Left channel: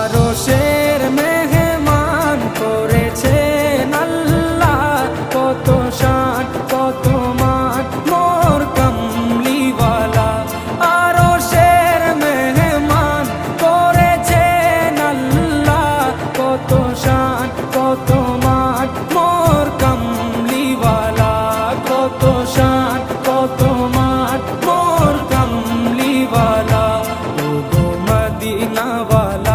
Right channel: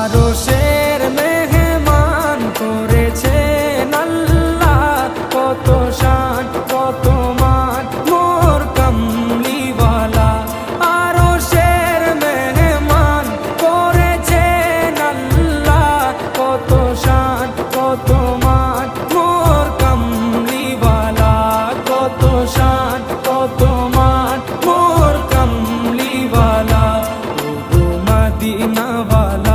আরশের মেহমান করেছেন আল্লাহ, কত শান কত মান মোর কামলিওয়ালা। আরশের মেহমান করেছেন আল্লাহ, কত শান কত মান মোর কামলিওয়ালা, কত শান কত মান মোর কামলিওয়ালা। ও গো মদিনাওয়ালা